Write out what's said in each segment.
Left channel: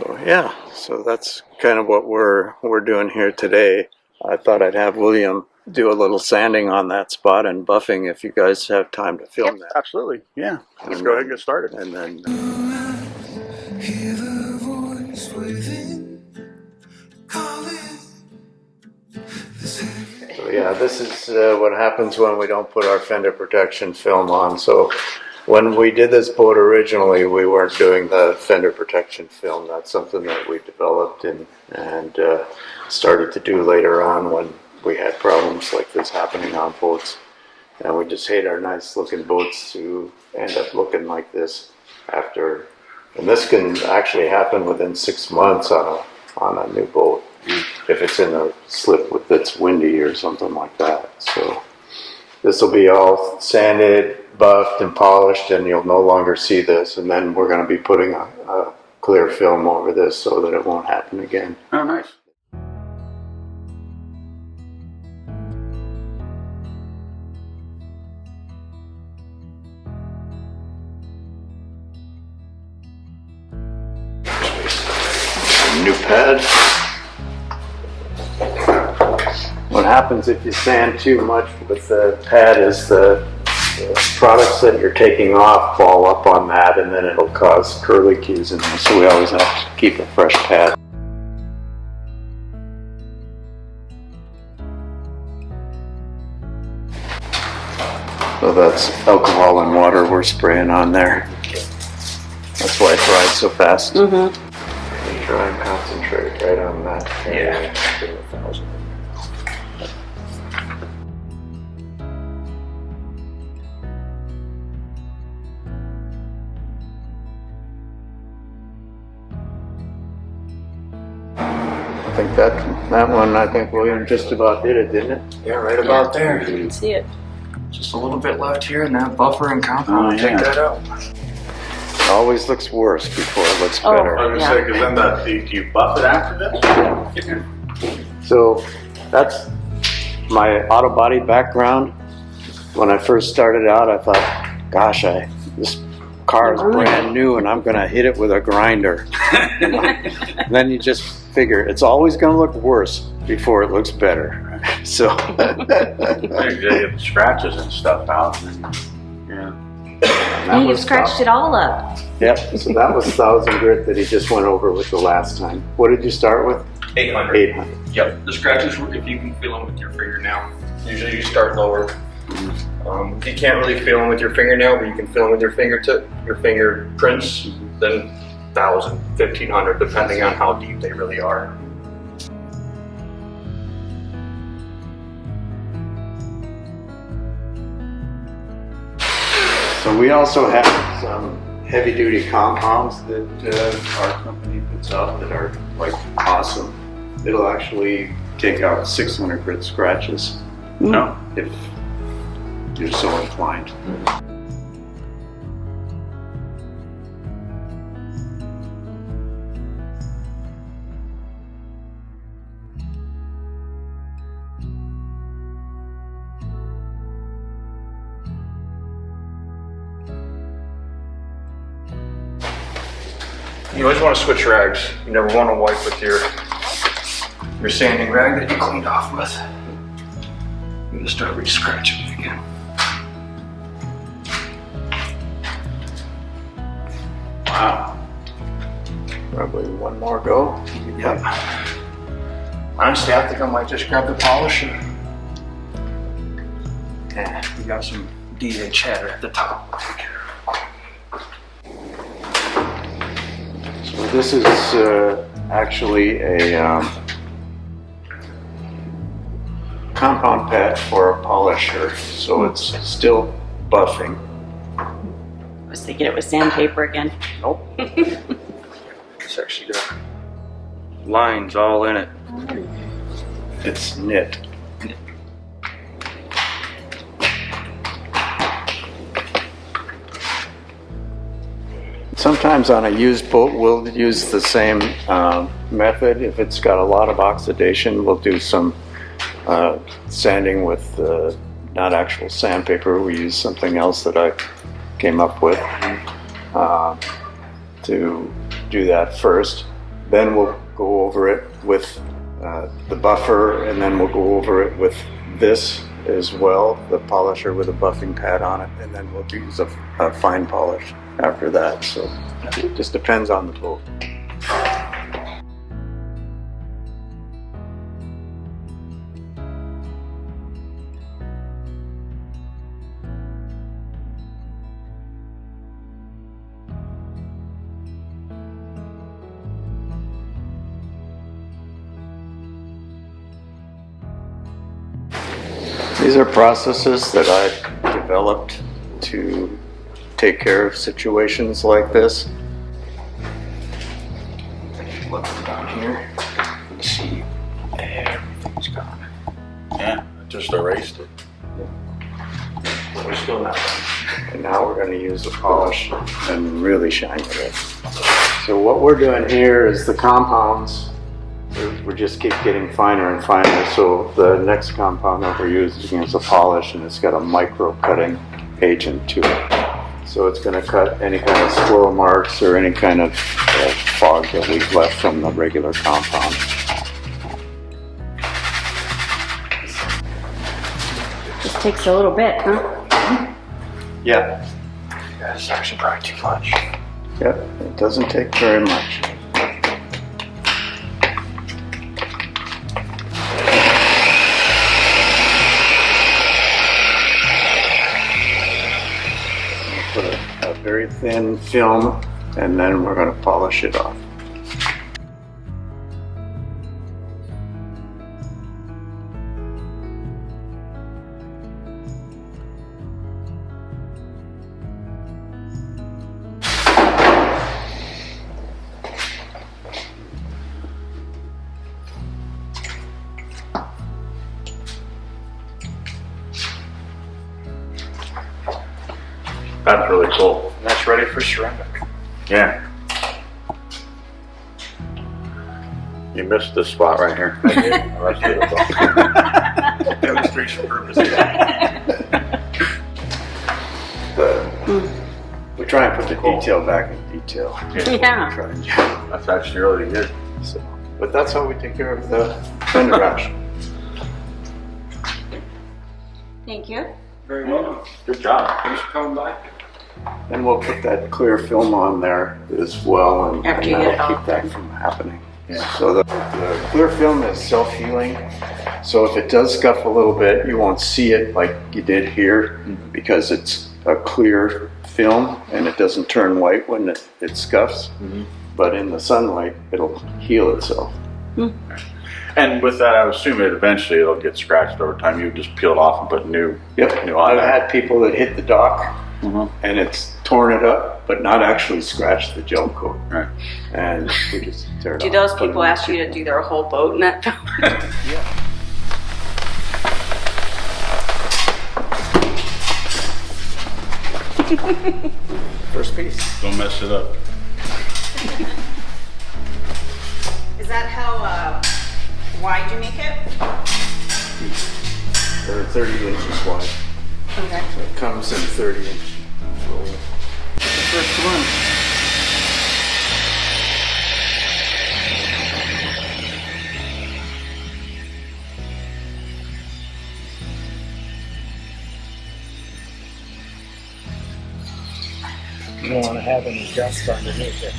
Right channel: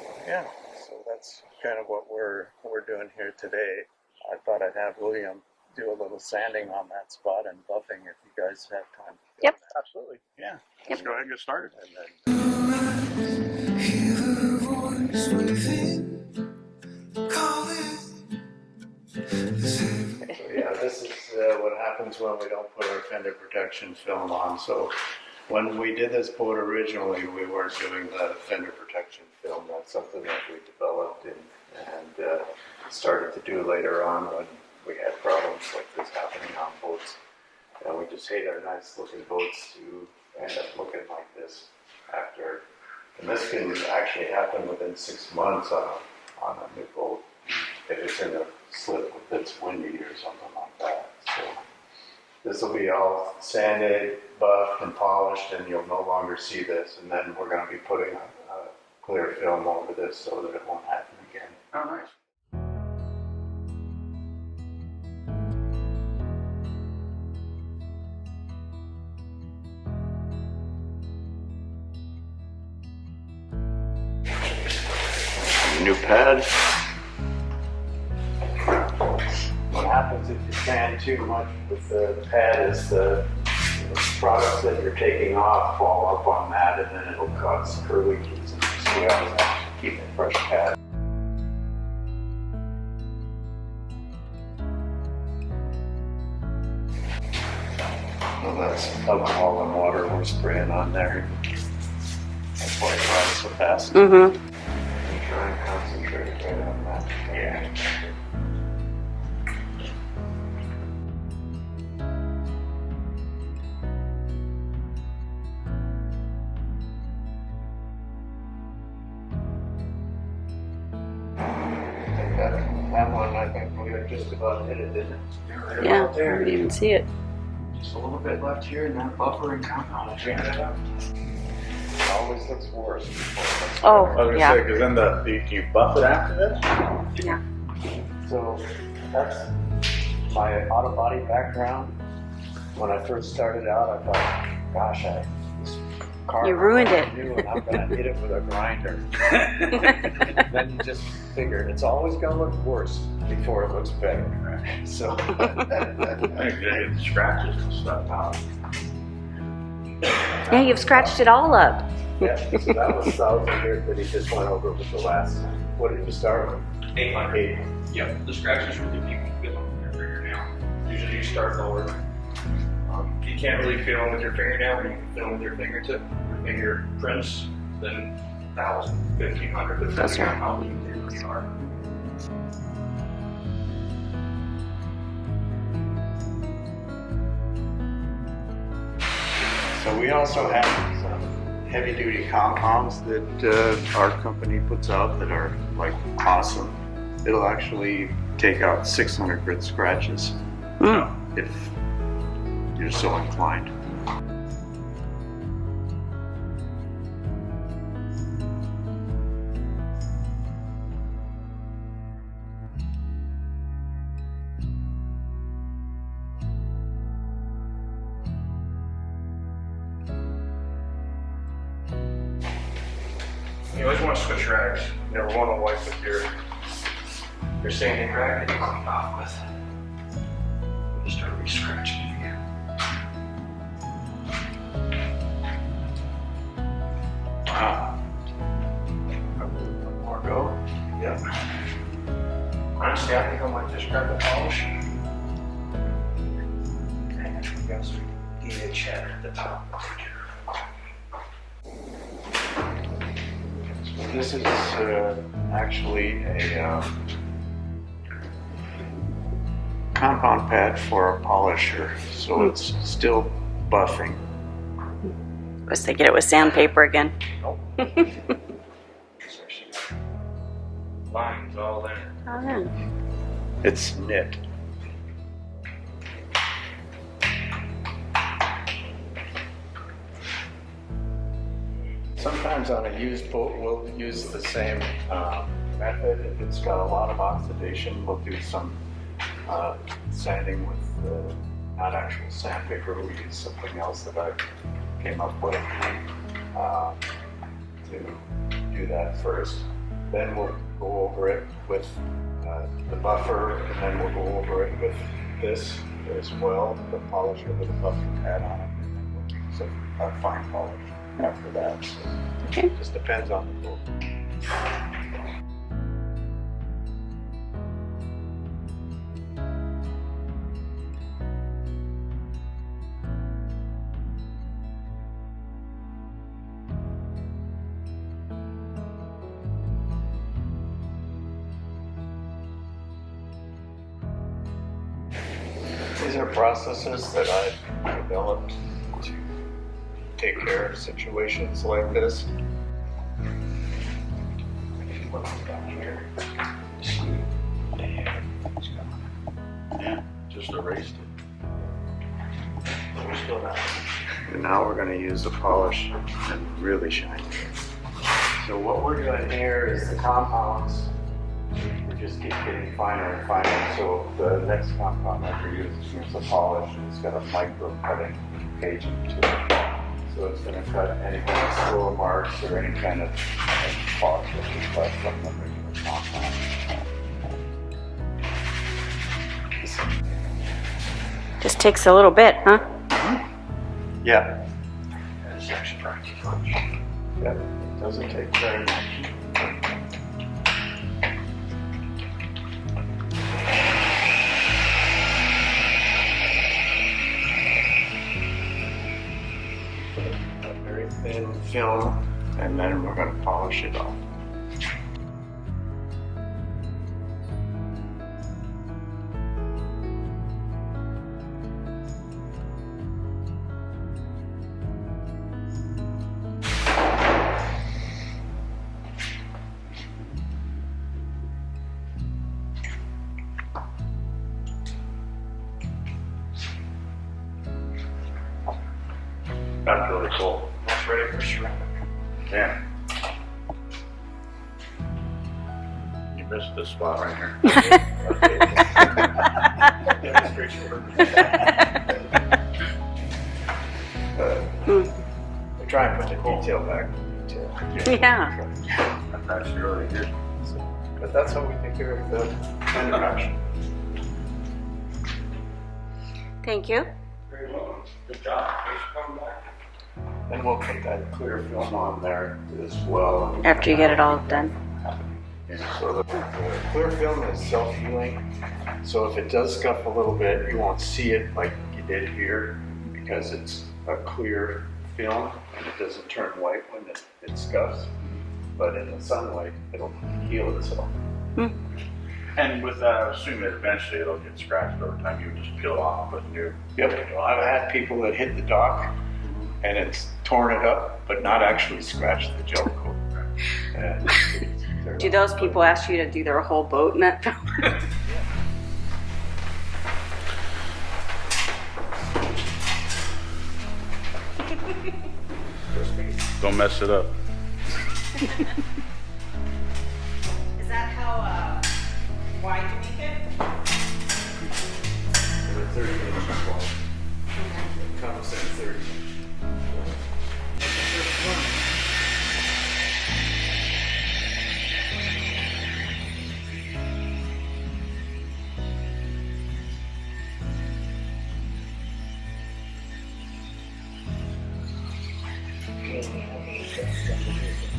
So yeah, so that's kind of what we're doing here today. I thought I'd have William do a little sanding on that spot and buffing if you guys have time to film that. Absolutely, yeah. Let's go ahead and get started. And then Hear the voice within calling. so yeah, this is what happens when we don't put our fender protection film on. So when we did this boat originally, we weren't doing the fender protection film. That's something that we developed and started to do later on when we had problems like this happening on boats. And we just hate our nice looking boats to end up looking like this after. And this can actually happen within 6 months on a new boat if it's in a slip that's windy or something like that. So this will be all sanded, buffed, and polished, and you'll no longer see this. And then we're going to be putting a clear film over this so that it won't happen again. Oh, nice. New pad. What happens if you sand too much with the pad is the products that you're taking off fall up on that, and then it'll cause curlicues in there. So we always have to keep a fresh pad. So that's alcohol and water we're spraying on there. That's why it dries so fast. Mm-hmm. Try and concentrate right on that. Yeah. I think that one, I think William just about did it, didn't it? Yeah, right about there. You can see it. Just a little bit left here, and that buffer and compound will take that out. It always looks worse before it looks Oh. better. I was Yeah. gonna say, because then do you buff it after this? Yeah. So that's my auto body background. When I first started out, I thought, gosh, this car You is ruined brand it. new and I'm gonna hit it with a grinder. Then you just figure it's always gonna look worse before it looks better. So You get the scratches and stuff out. Yeah. Yeah, you've scratched it all up. yeah, so that was 1,000 grit that he just went over with the last time. What did you start with? 800. 800. Yep, the scratches work if you can feel them with your fingernail. Usually you start lower. If you can't really feel them with your fingernail, but you can feel them with your fingertip, your fingerprints, then 1,000, 1,500, depending on how deep they really are. So we also have some heavy duty compounds that our company puts out that are like awesome. It'll actually take out 600 grit scratches if you're so inclined. You always want to switch rags. You never want to wipe with your sanding rag that you cleaned off with. You're going to start re-scratching it again. Wow. Probably one more go. Yep. Honestly, I think I might just grab the polisher. Yeah, we got some DA chatter at the top. So this is actually a compound pad for a polisher. So it's still buffing. I was thinking it was sandpaper again. Nope. It's actually got lines all in it. It's knit. Sometimes on a used boat, we'll use the same method. If it's got a lot of oxidation, we'll do some sanding with not actual sandpaper. We use something else that I came up with to do that first. Then we'll go over it with the buffer, and then we'll go over it with this as well, the polisher with a buffing pad on it, and then we'll use a fine polish after that. So it just depends on the boat. These are processes that I've developed to take care of situations like this. Look down here. See, everything's gone. Yeah, just erased it. We're still not done. And now we're going to use the polish and really shine it. So what we're doing here is the compounds. We just keep getting finer and finer. So the next compound that we're using is a polish, and it's got a micro cutting agent to it. So it's going to cut any kind of swirl marks or any kind of fog that we've left from the regular compound. Just takes a little bit, huh? Yeah. Yeah, it's actually probably too much. Yep. It doesn't take very much. Put a very thin film, and then we're going to polish it off. That's really cool. That's ready for ceramic. Yeah. You missed this spot right here. Demonstration purposes. We try and put the detail back in detail. Yeah. Try and- That's actually really good. So, but that's how we take care of the Fender Rash. Thank you. Very well. Good job. Thanks for coming by. And we'll put that clear film on there as well. And, After you and get it that'll all keep that done. from happening. Yeah. So the clear film is self-healing. So if it does scuff a little bit, you won't see it like you did here because it's a clear film and it doesn't turn white when it scuffs. But in the sunlight, it'll heal itself. And with that, I would assume that eventually it'll get scratched over time. You just peel it off and put new. Yep. New I've on. had people that hit the dock and it's torn it up, but not actually scratched the gel coat. Right. And we just tear it Do off. those Put it people in. ask you to do their whole boat in that film? First piece. Don't mess it up. Is that how wide you make it? They're 30 inches wide. Okay. So it comes in 30 inch. First one. You don't want to have any dust underneath it.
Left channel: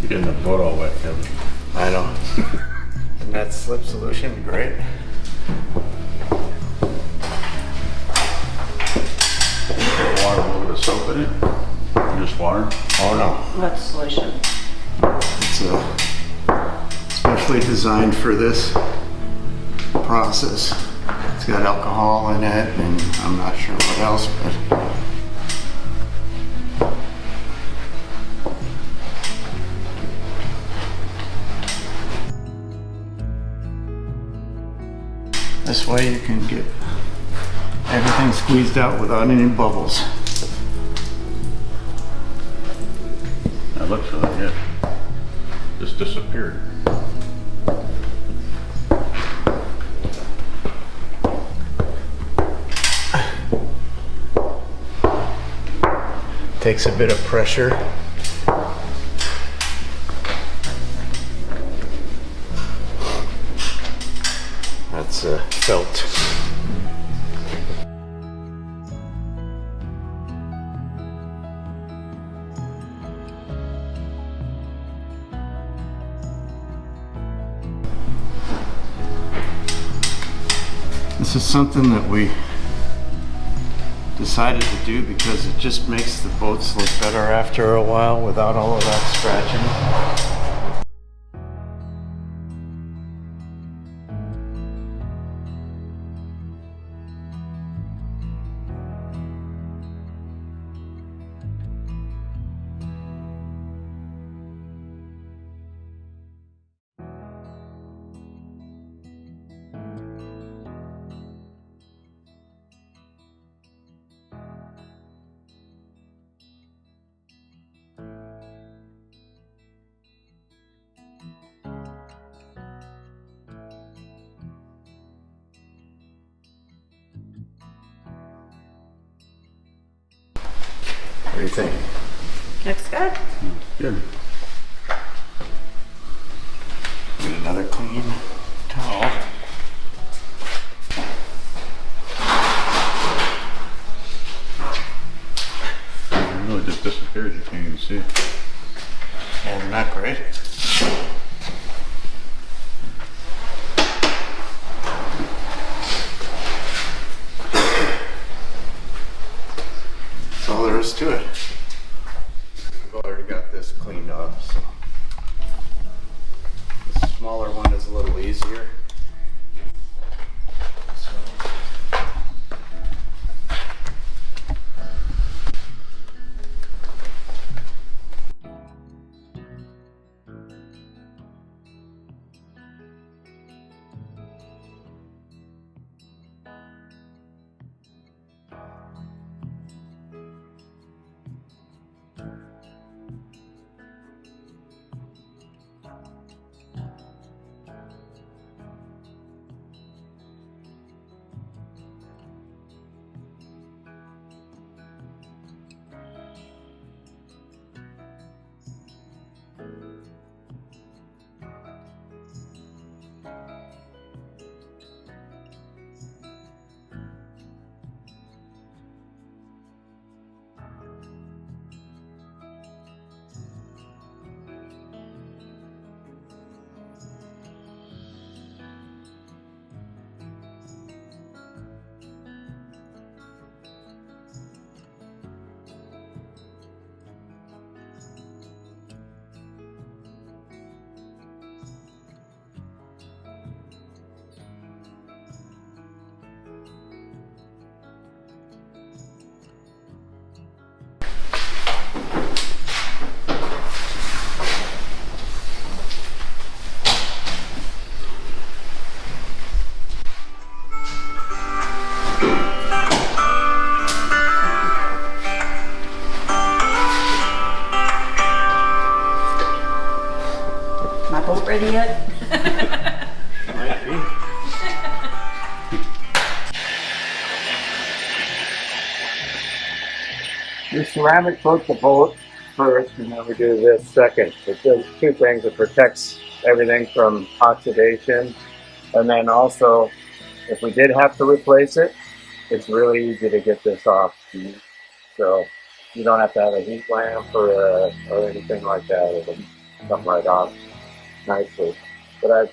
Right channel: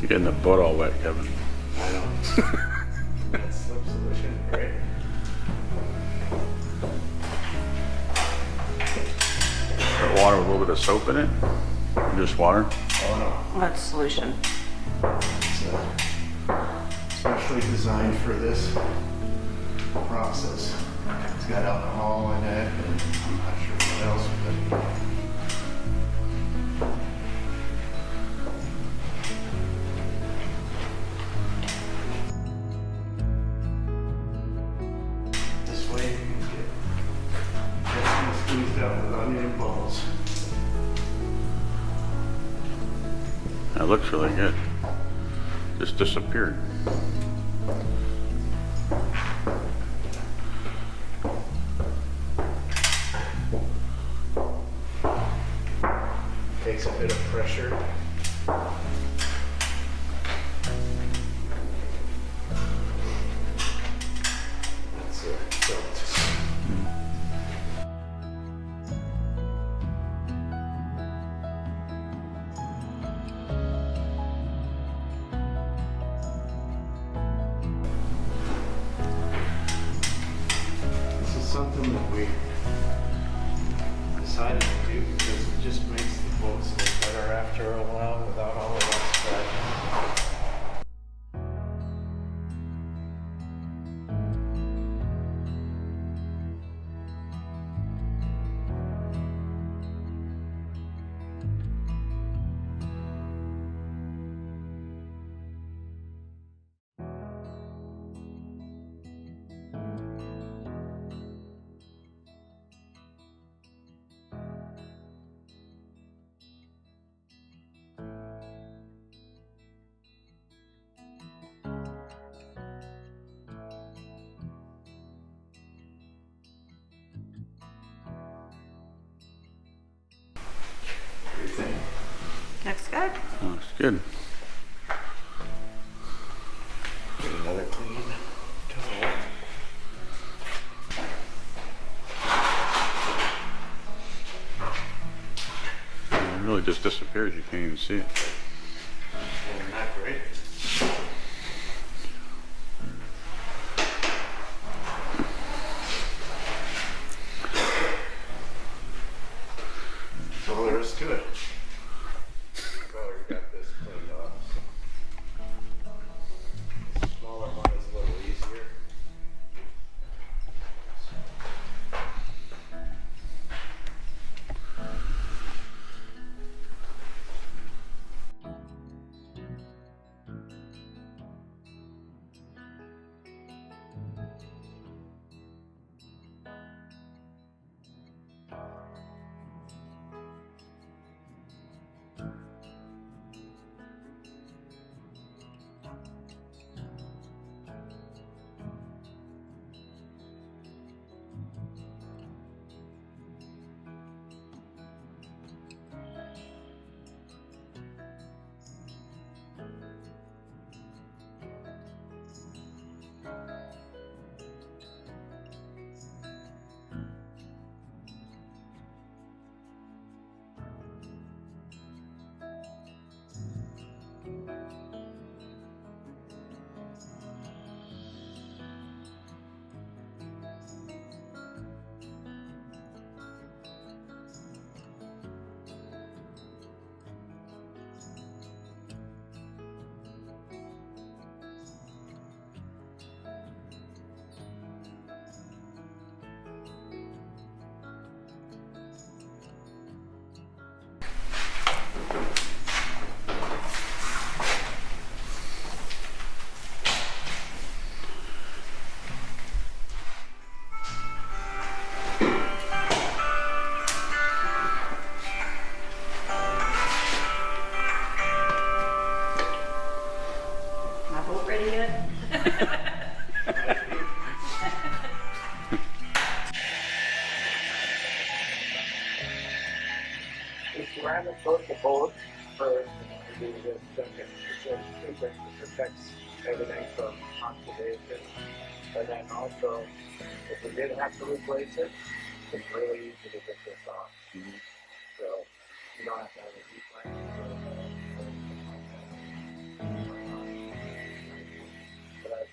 You're getting the butt all wet, Kevin. I know. And that slip solution, great. Water, a little bit of soap in it. Just water. Oh That's solution. no. It's especially designed for this process. It's got alcohol in it, and I'm not sure what else, but this way you can get everything squeezed out without any bubbles. That looks really good. Just disappeared. Takes a bit of pressure. That's felt. This is something that we decided to do because it just makes the boats look better after a while without all of that scratching. What do you think? Looks good. That's good. Get another clean towel. It really just disappears. You can't even see it. And not great. That's all there is to it. I've already got this cleaned off, so. The smaller one is a little easier. My boat ready yet? Might be. The ceramic coat the boat first, and then we do this second. It does two things. It protects everything from oxidation, and then also, if we did have to replace it, it's really easy to get this off. So you don't have to have a heat lamp or anything like that. It'll come right off nicely. But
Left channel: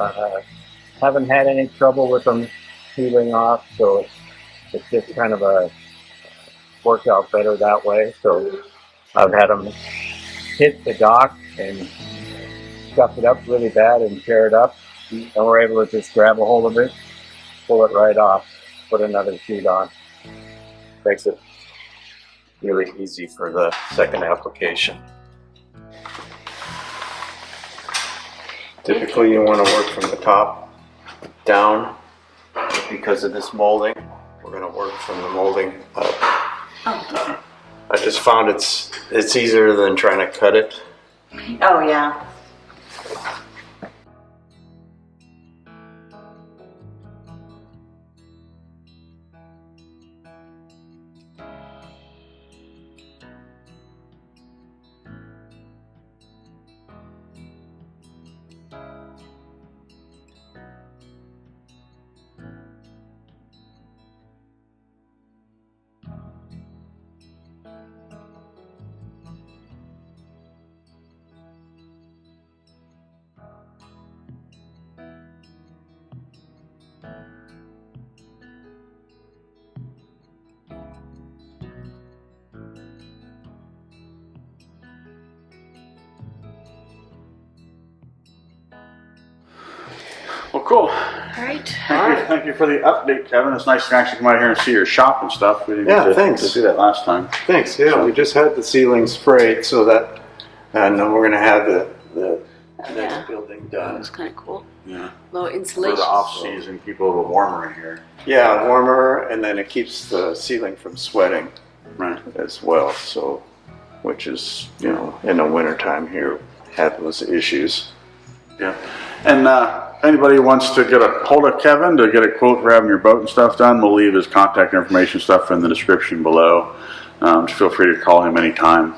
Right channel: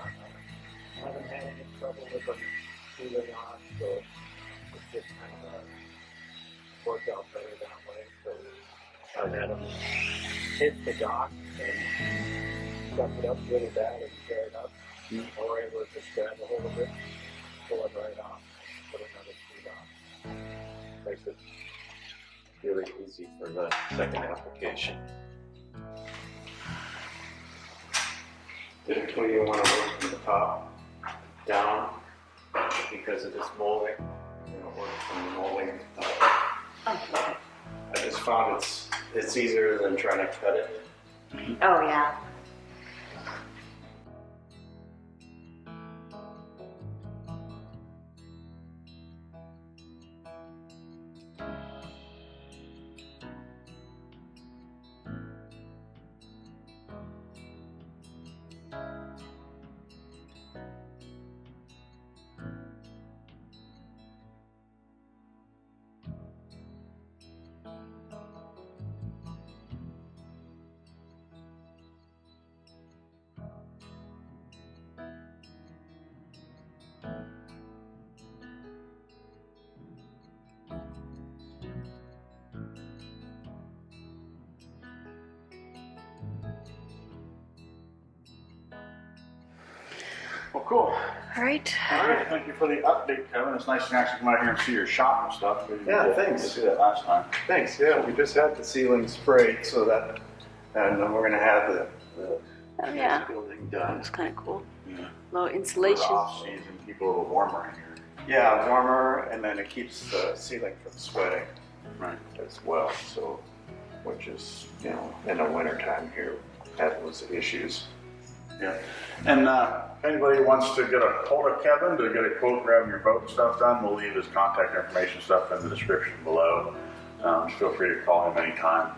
I haven't had any trouble with them peeling off, so it's just kind of worked out better that way. So I've had them hit the dock and scuff it up really bad and tear it up, and we're able to just grab a hold of it, pull it right off, put another sheet on. makes it really easy for the second application. Typically you want to work from the top down. Because of this molding, we're going to work from the molding up. I just found it's easier than trying to cut it. Oh, yeah. Well, cool. All right. Thank you for the update, Kevin. It's nice to actually come out here and see your shop and stuff. We didn't Yeah, get thanks. to see that last time. Thanks. Yeah, we just had the ceiling sprayed so that, and we're going to have the Oh, next yeah. building That done. was kind of cool. Yeah. Low For insulation. the off season, keep a little warmer in here. Yeah, warmer, and then it keeps the ceiling from sweating Right. as well. So, which is, you know, in the wintertime here, have those issues. Yeah. And anybody wants to get a hold of Kevin to get a quote for having your boat and stuff done, we'll leave his contact information stuff in the description below. Just feel free to call him anytime.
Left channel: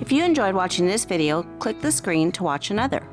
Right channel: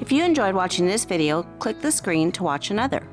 If you enjoyed watching this video, click the screen to watch another.